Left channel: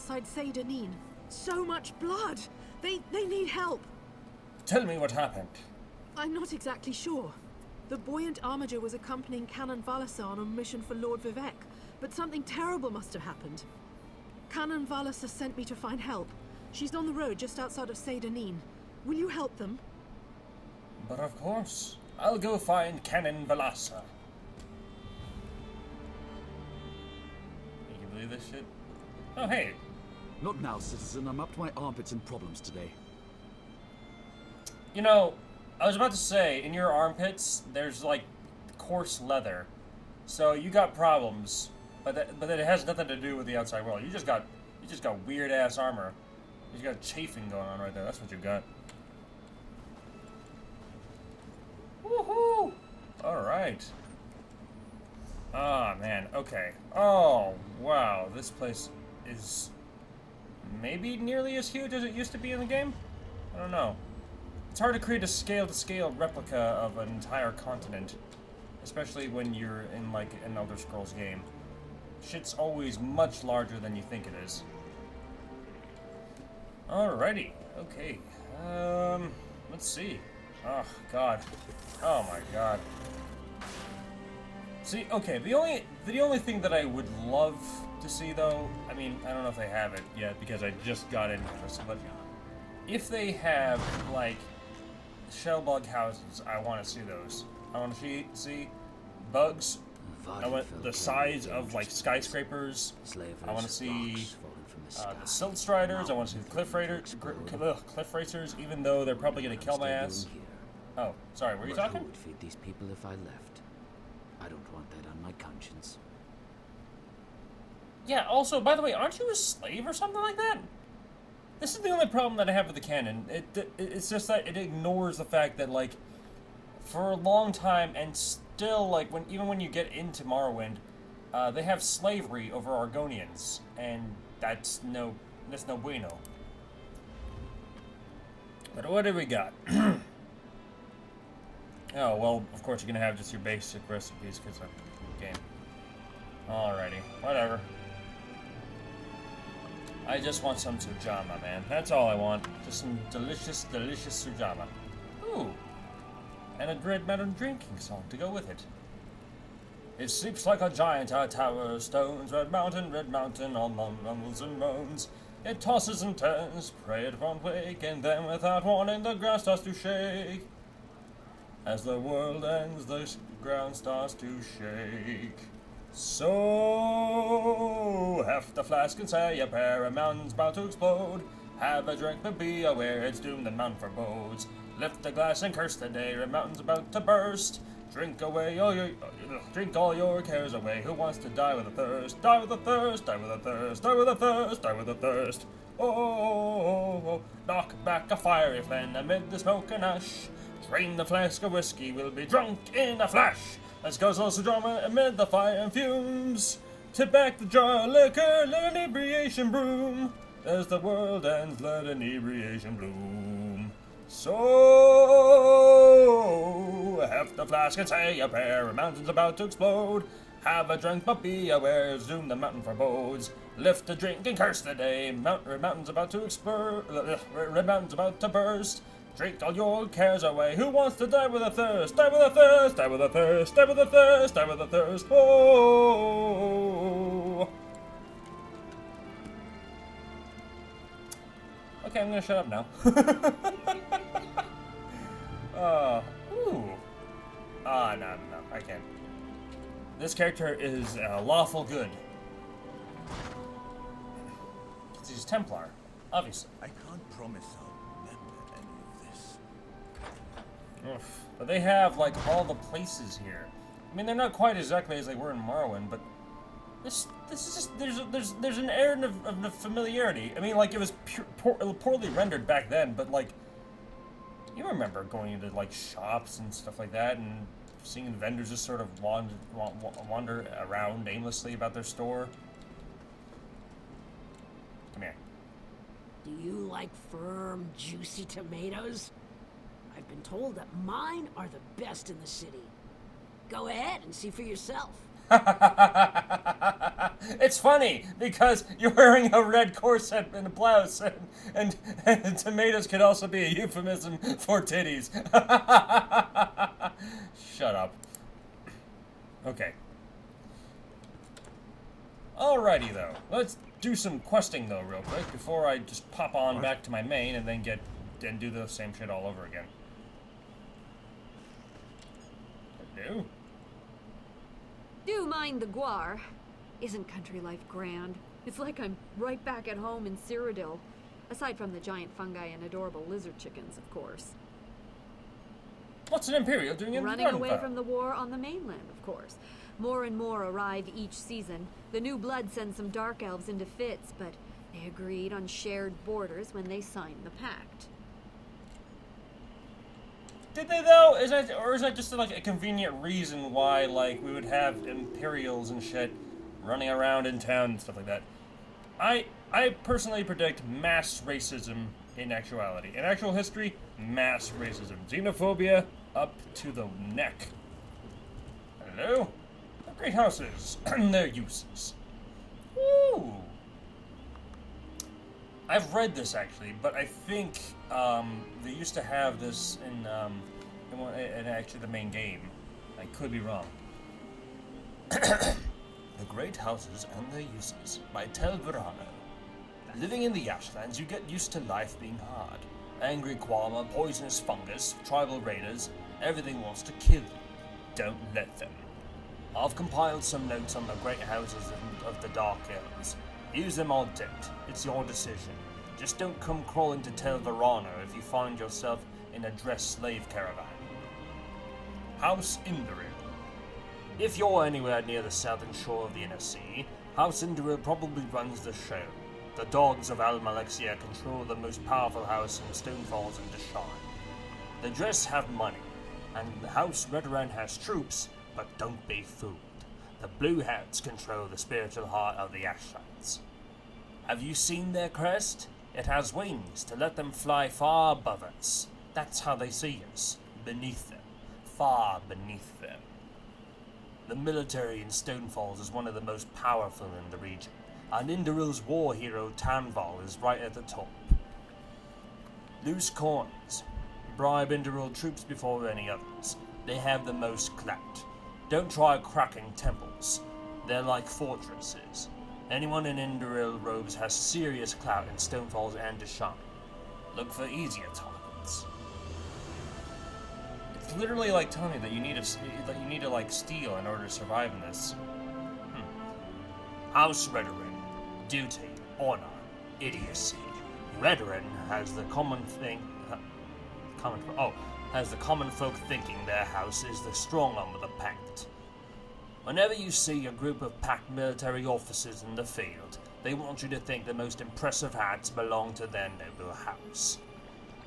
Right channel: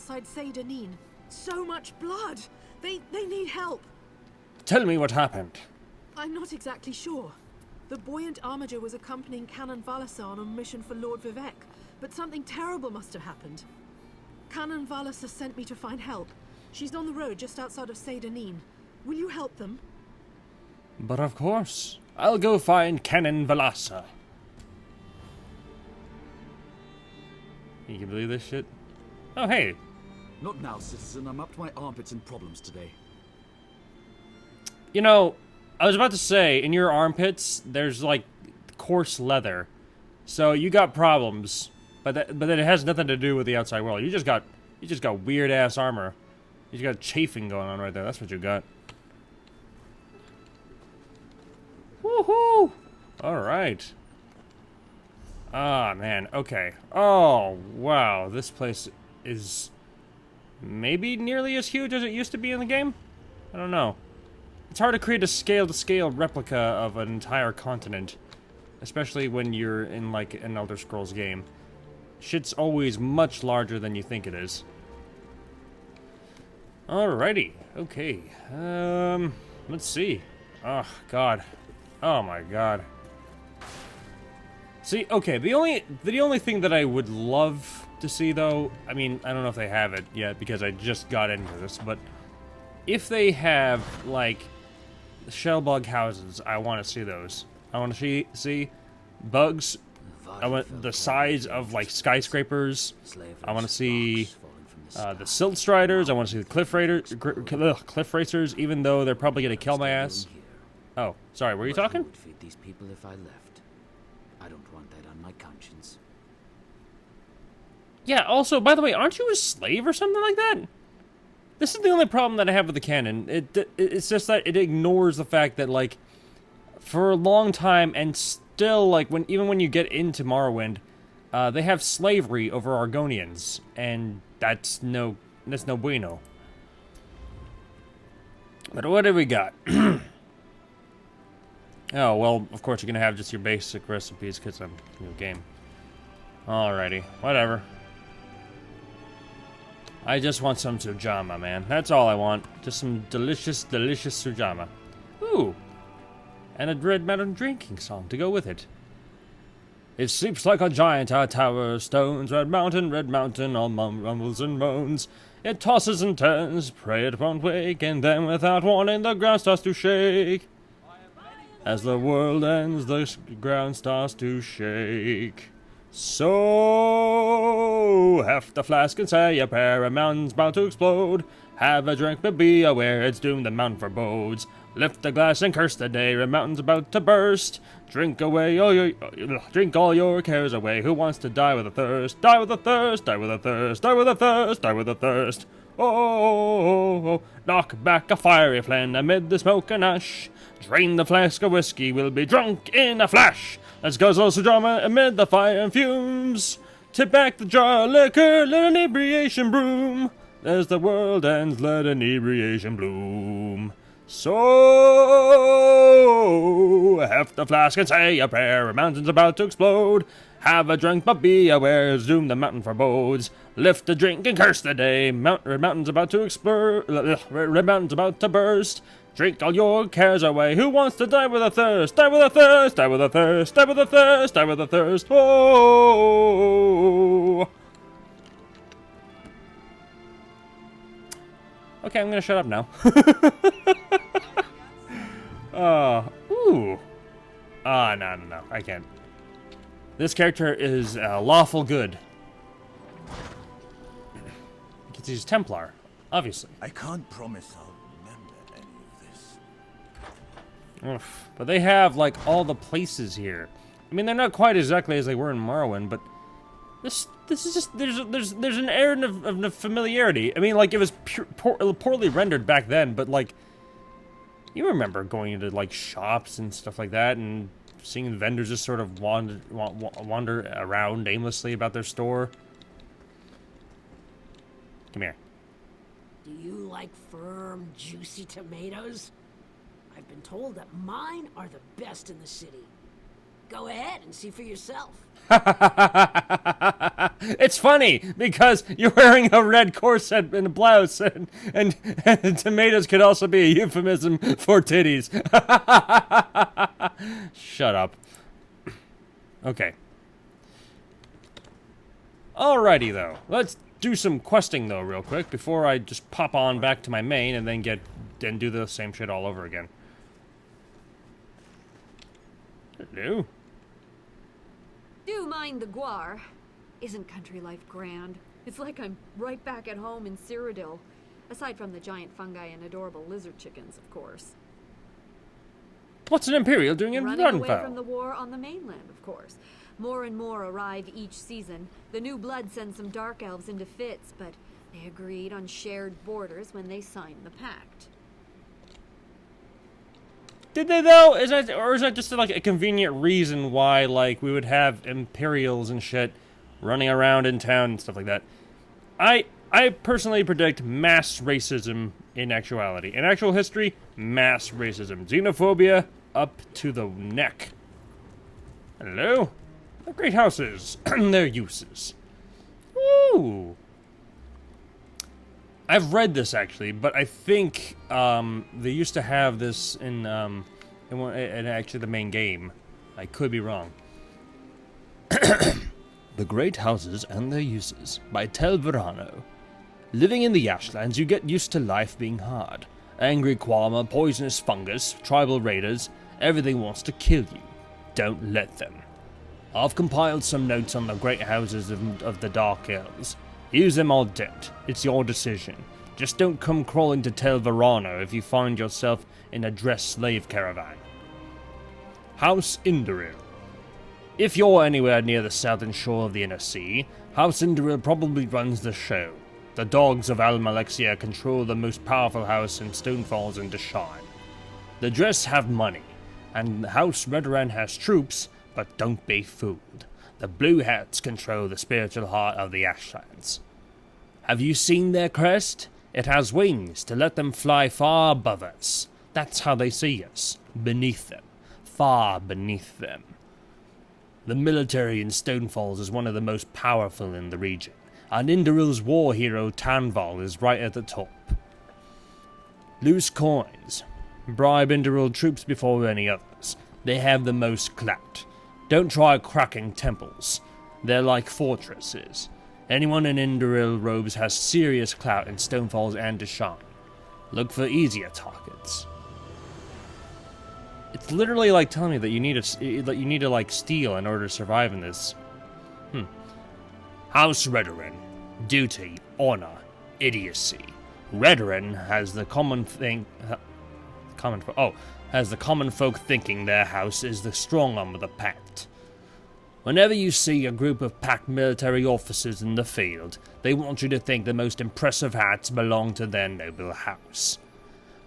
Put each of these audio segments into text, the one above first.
outside Seydanin. So much blood! They need help! Tell me what happened. I'm not exactly sure. The buoyant armiger was accompanying Canon Valasa on a mission for Lord Vivek, but something terrible must have happened. Canon Valasa sent me to find help. She's on the road just outside of Seydanin. Will you help them? But of course. I'll go find Canon Valasa. You can believe this shit? Oh, hey. Not now, citizen. I'm up to my armpits in problems today. You know, I was about to say, in your armpits, there's like coarse leather. So you got problems, but it has nothing to do with the outside world. You just got weird ass armor. You just got chafing going on right there. That's what you got. Woohoo! All right. Ah, man. Okay. Oh, wow. This place is maybe nearly as huge as it used to be in the game? I don't know. It's hard to create a scale-to-scale replica of an entire continent, especially when you're in, like, an Elder Scrolls game. Shit's always much larger than you think it is. Alrighty. Okay. Let's see. Oh, God. Oh, my God. See, okay, the only thing that I would love to see, though, I mean, I don't know if they have it yet because I just got into this, but if they have, like, shellbug houses, I want to see those. I want to see bugs. I want the size of, like, skyscrapers. I want to see the silt striders. I want to see the cliff racers, even though they're probably going to kill my ass. Oh, sorry, were you talking? Who would feed these people if I left? I don't want that on my conscience. Yeah, also, by the way, aren't you a slave or something like that? This is the only problem that I have with the canon. It's just that it ignores the fact that, like, for a long time, and still, like, even when you get into Morrowind, they have slavery over Argonians, and that's no bueno. But what do we got? Oh, well, of course you're gonna have just your basic recipes, because I'm a new game. Alrighty, whatever. I just want some sujama, man. That's all I want. Just some delicious, delicious sujama. Ooh. And a Red Mountain drinking song to go with it. It sleeps like a giant, a tower of stones. Red Mountain, all rumbles and moans. It tosses and turns, pray it won't wake, and then without warning the ground starts to shake. As the world ends, the ground starts to shake. So, heft the flask and say a prayer, a mountain's bound to explode. Have a drink, but be aware it's doomed, the mountain forebodes. Lift the glass and curse the day, a mountain's about to burst. Drink away drink all your cares away. Who wants to die with a thirst? Die with a thirst, die with a thirst, die with a thirst, die with a thirst. Oh, knock back a fiery flame amid the smoke and ash. Drain the flask of whiskey, we'll be drunk in a flash. Let's guzzle some drama amid the fire and fumes. Tip back the jar of liquor, let inebriation broom. As the world ends, let inebriation bloom. So, heft the flask and say a prayer, a mountain's about to explode. Have a drink, but be aware, doom the mountain forebodes. Lift a drink and curse the day, mountain's about to explode, red mountain's about to burst. Drink all your cares away. Who wants to die with a thirst? Die with a thirst, die with a thirst, die with a thirst, die with a thirst. Oh. Okay, I'm gonna shut up now. Ooh. No, I can't. This character is lawful good. Because he's Templar, obviously. I can't promise I'll remember any of this. Oof. But they have, like, all the places here. I mean, they're not quite exactly as they were in Morrowind, but this is just, there's an air of familiarity. I mean, like, it was poorly rendered back then, but, like, you remember going into, like, shops and stuff like that, and seeing vendors just sort of wander around aimlessly about their store. Come here. Do you like firm, juicy tomatoes? I've been told that mine are the best in the city. Go ahead and see for yourself. It's funny because you're wearing a red corset and a blouse, and tomatoes could also be a euphemism for titties. Shut up. Okay. Alrighty though, let's do some questing though real quick before I just pop on back to my main and then do the same shit all over again. Hello? Do mind the guar. Isn't country life grand? It's like I'm right back at home in Cyrodiil. Aside from the giant fungi and adorable lizard chickens, of course. What's an Imperial doing in Running away Runfell? from the war on the mainland, of course. More and more arrive each season. The new blood sends some dark elves into fits, but they agreed on shared borders when they signed the pact. Did they though? Is that just like a convenient reason why like we would have Imperials and shit running around in town and stuff like that? I personally predict mass racism in actuality. In actual history, mass racism. Xenophobia up to the neck. Hello? The great houses and their uses. Woo! I've read this actually, but I think they used to have this in actually the main game. I could be wrong. The Great Houses and Their Uses by Tel Verano. Living in the Ashlands, you get used to life being hard. Angry Qualma, poisonous fungus, tribal raiders, everything wants to kill you. Don't let them. I've compiled some notes on the great houses of the Dark Elves. Use them or don't. It's your decision. Just don't come crawling to Tel Verano if you find yourself in a dressed slave caravan. House Indoril. If you're anywhere near the southern shore of the Inner Sea, House Indoril probably runs the show. The dogs of Almalexia control the most powerful house in Stonefalls and Deshaun. The Dress have money, and House Redoran has troops, but don't be fooled. The Blue Hats control the spiritual heart of the Ashlands. Have you seen their crest? It has wings to let them fly far above us. That's how they see us, beneath them, far beneath them. The military in Stonefalls is one of the most powerful in the region, and Indoril's war hero Tanval is right at the top. Loose coins. Bribe Indoril troops before any others. They have the most clout. Don't try cracking temples. They're like fortresses. Anyone in Indoril robes has serious clout in Stonefalls and Deshaun. Look for easier targets. It's literally like telling me that you need to like steal in order to survive in this. House Redoran. Duty, honor, idiocy. Redoran has the common folk thinking their house is the strong arm of the pact. Whenever you see a group of packed military officers in the field, they want you to think the most impressive hats belong to their noble house.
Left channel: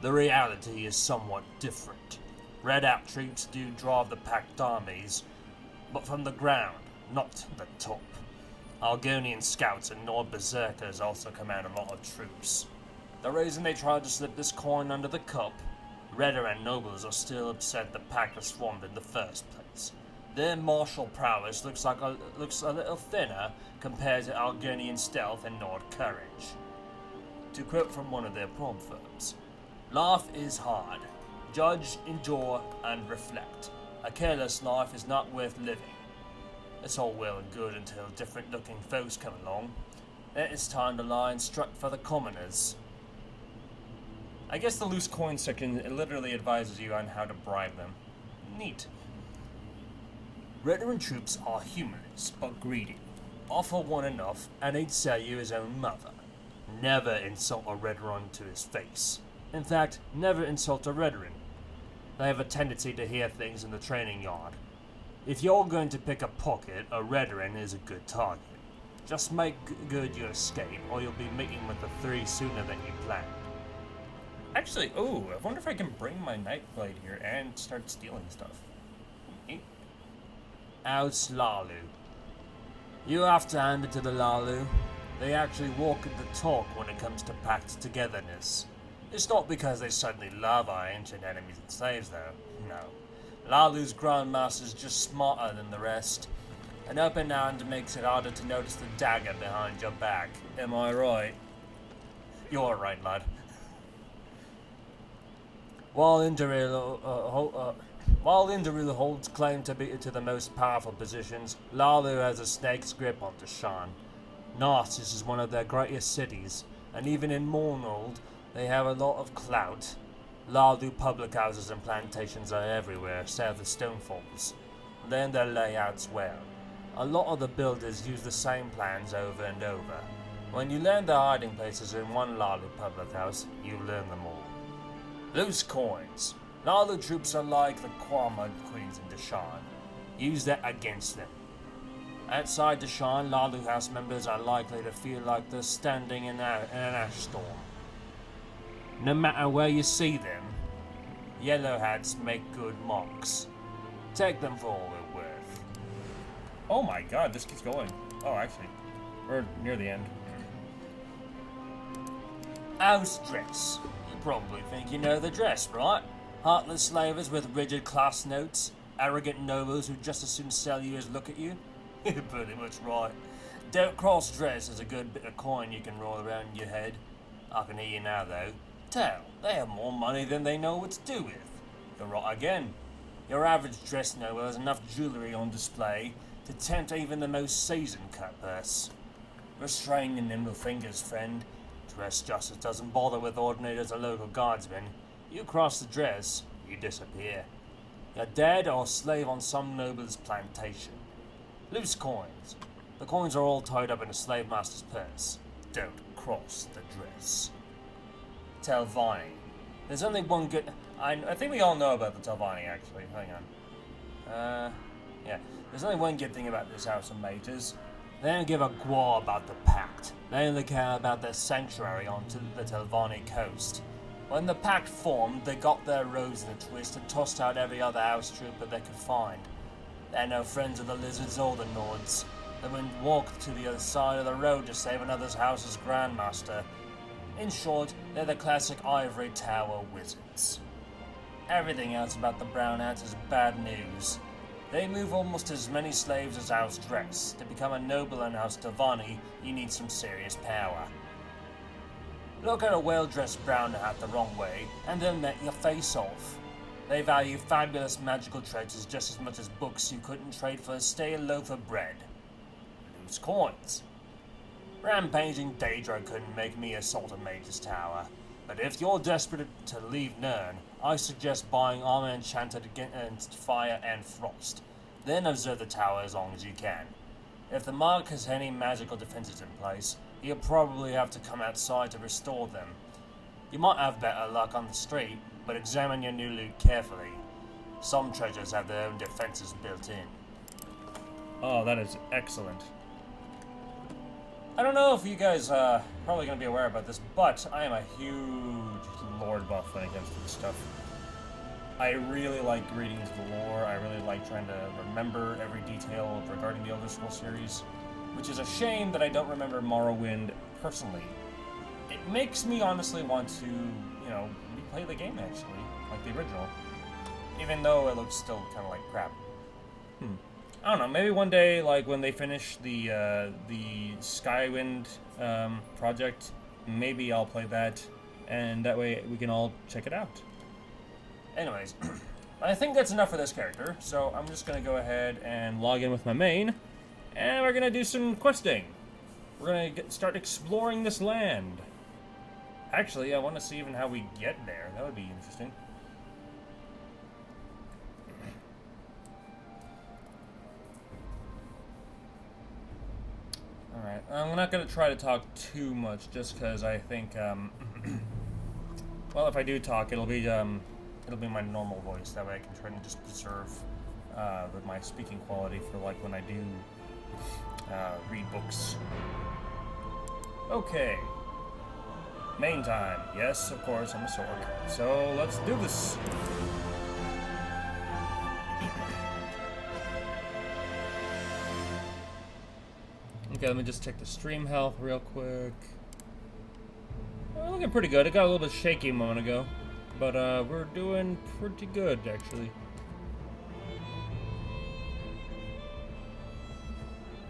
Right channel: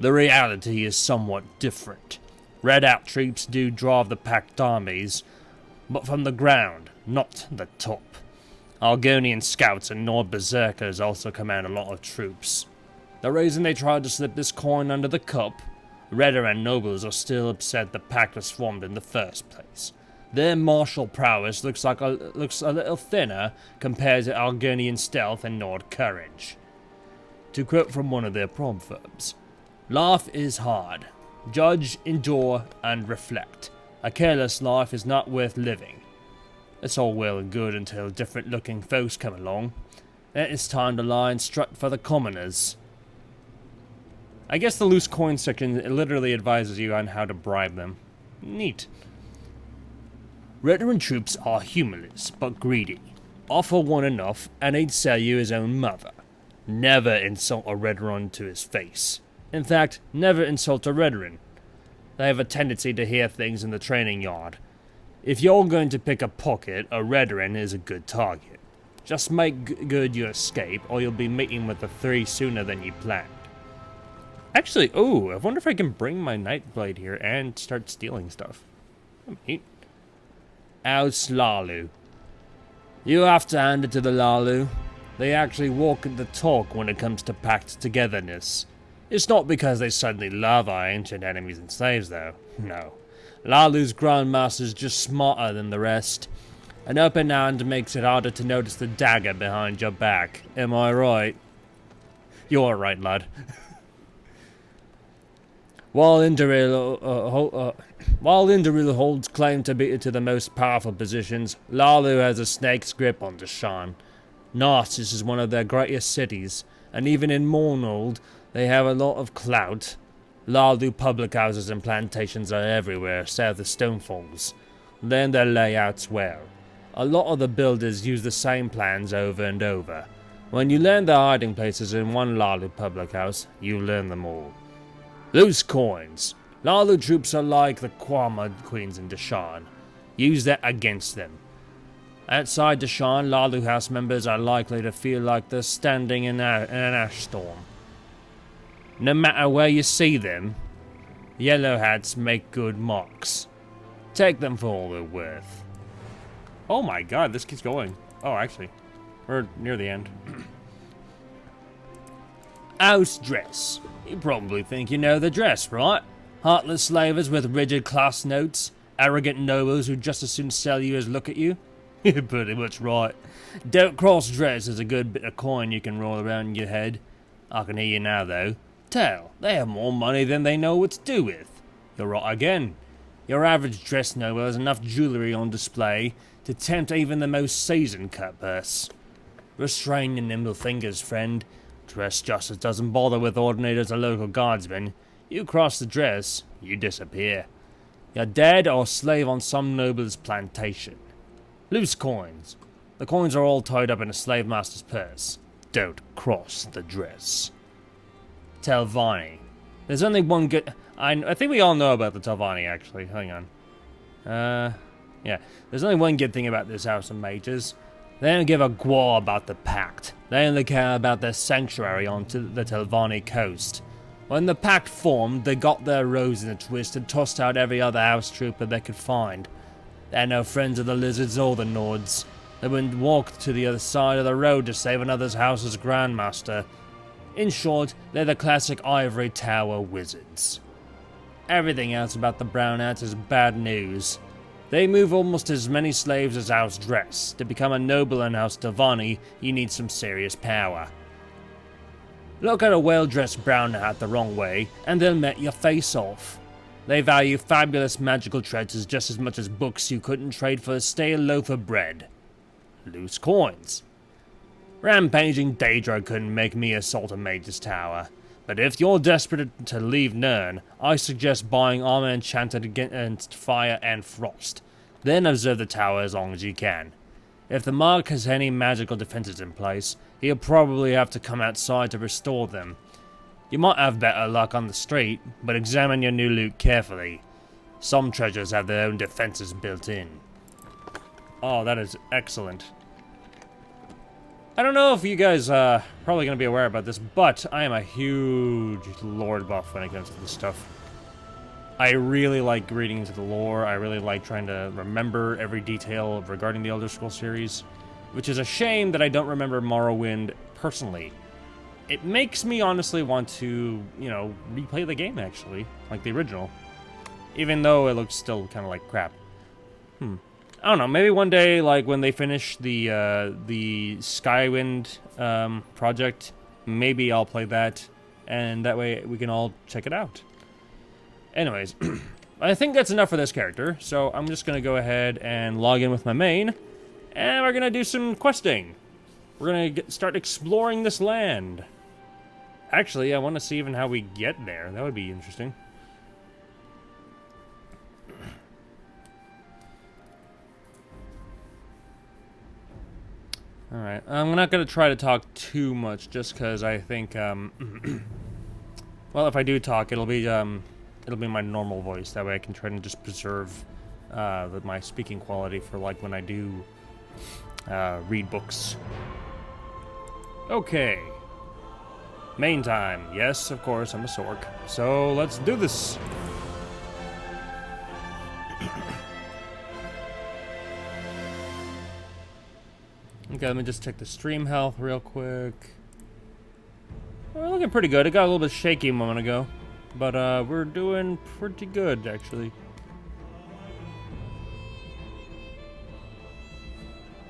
The reality is somewhat different. Red out troops do drive the packed armies, but from the ground, not the top. Argonian scouts and Nord berserkers also command a lot of troops. The reason they tried to slip this coin under the cup, Redoran nobles are still upset the pact was formed in the first place. Their martial prowess looks a little thinner compared to Argonian stealth and Nord courage. To quote from one of their proverbs, life is hard. Judge, endure, and reflect. A careless life is not worth living. It's all well and good until different-looking folks come along. Then it's time to lie and strut for the commoners. I guess the loose coin section literally advises you on how to bribe them. Neat. Redoran troops are humorless, but greedy. Offer one enough, and he'd sell you his own mother. Never insult a Redoran to his face. In fact, never insult a Redoran. They have a tendency to hear things in the training yard. If you're going to pick a pocket, a Redoran is a good target. Just make good you escape, or you'll be meeting with the three sooner than you planned. Actually, I wonder if I can bring my Nightblade here and start stealing stuff. Neat. How's Lalu? You have to hand it to the Lalu. They actually walk the talk when it comes to pact togetherness. It's not because they suddenly love our ancient enemies and slaves, though. No. Lalu's Grandmaster's just smarter than the rest. An open hand makes it harder to notice the dagger behind your back. Am I right? You're right, lad. While Indoril holds claim to be to the most powerful positions, Lalu has a snake's grip on Deshaan. Narcissus is one of their greatest cities, and even in Mornold, they have a lot of clout. Lalu public houses and plantations are everywhere south of Stonefalls. Learn their layouts well. A lot of the builders use the same plans over and over. When you learn their hiding places in one Lalu public house, you learn them all. Loose coins. Lalu troops are like the Kwama queens in Deshaan. Use that against them. Outside Deshaan, Lalu house members are likely to feel like they're standing in an ash storm. No matter where you see them, yellow hats make good marks. Take them for all they're worth. Oh my god, this keeps going. Oh, actually. We're near the end. House dress. You probably think you know the dress, right? Heartless slavers with rigid class notes, arrogant nobles who just as soon sell you as look at you. You're pretty much right. Don't cross dress is a good bit of coin you can roll around in your head. I can hear you now, though. Tell, they have more money than they know what to do with. You're right again. Your average dress noble has enough jewellery on display to tempt even the most seasoned cutpurse. Restrain your nimble fingers, friend. Dress justice doesn't bother with ordinators or local guardsmen. You cross the dress, you disappear. You're dead or slave on some noble's plantation. Loose coins. The coins are all tied up in a slave master's purse. Don't cross the dress. Telvanni. There's only one good... I think we all know about the Telvanni, actually. Hang on. Yeah. There's only one good thing about this House of Mages. They don't give a gwar about the Pact. They only care about their sanctuary on the Telvanni coast. When the Pact formed, they got their rose in a twist and tossed out every other house trooper they could find. They're no friends of the Lizards or the Nords. They wouldn't walk to the other side of the road to save another house's grandmaster. In short, they're the classic ivory tower wizards. Everything else about the Brown Hats is bad news. They move almost as many slaves as House Dress. To become a noble in House Telvanni, you need some serious power. Look at a well-dressed brown hat the wrong way, and they'll met your face off. They value fabulous magical treasures just as much as books you couldn't trade for a stale loaf of bread. Loose coins. Rampaging Daedra couldn't make me assault a mage's tower. But if you're desperate to leave Nirn, I suggest buying armor enchanted against fire and frost. Then observe the tower as long as you can. If the Mark has any magical defenses in place, he'll probably have to come outside to restore them. You might have better luck on the street, but examine your new loot carefully. Some treasures have their own defenses built in. Oh, that is excellent. I don't know if you guys probably going to be aware about this, but I am a huge lore buff when it comes to this stuff. I really like reading into the lore. I really like trying to remember every detail regarding the Elder Scrolls series, which is a shame that I don't remember Morrowind personally. It makes me honestly want to, you know, replay the game actually, like the original, even though it looks still kind of like crap. I don't know, maybe one day, like, when they finish the Skywind project, maybe I'll play that, and that way we can all check it out. Anyways, I think that's enough for this character, so I'm just going to go ahead and log in with my main, and we're going to do some questing. We're going to start exploring this land. Actually, I want to see even how we get there. That would be interesting. Alright, I'm not going to try to talk too much, just because I think, well, if I do talk, it'll be my normal voice. That way I can try to just preserve my speaking quality for, like, when I do read books. Okay. Main time. Yes, of course, I'm a Sork. So, let's do this. Okay, let me just check the stream health real quick. We're looking pretty good. It got a little bit shaky a moment ago, but we're doing pretty good, actually.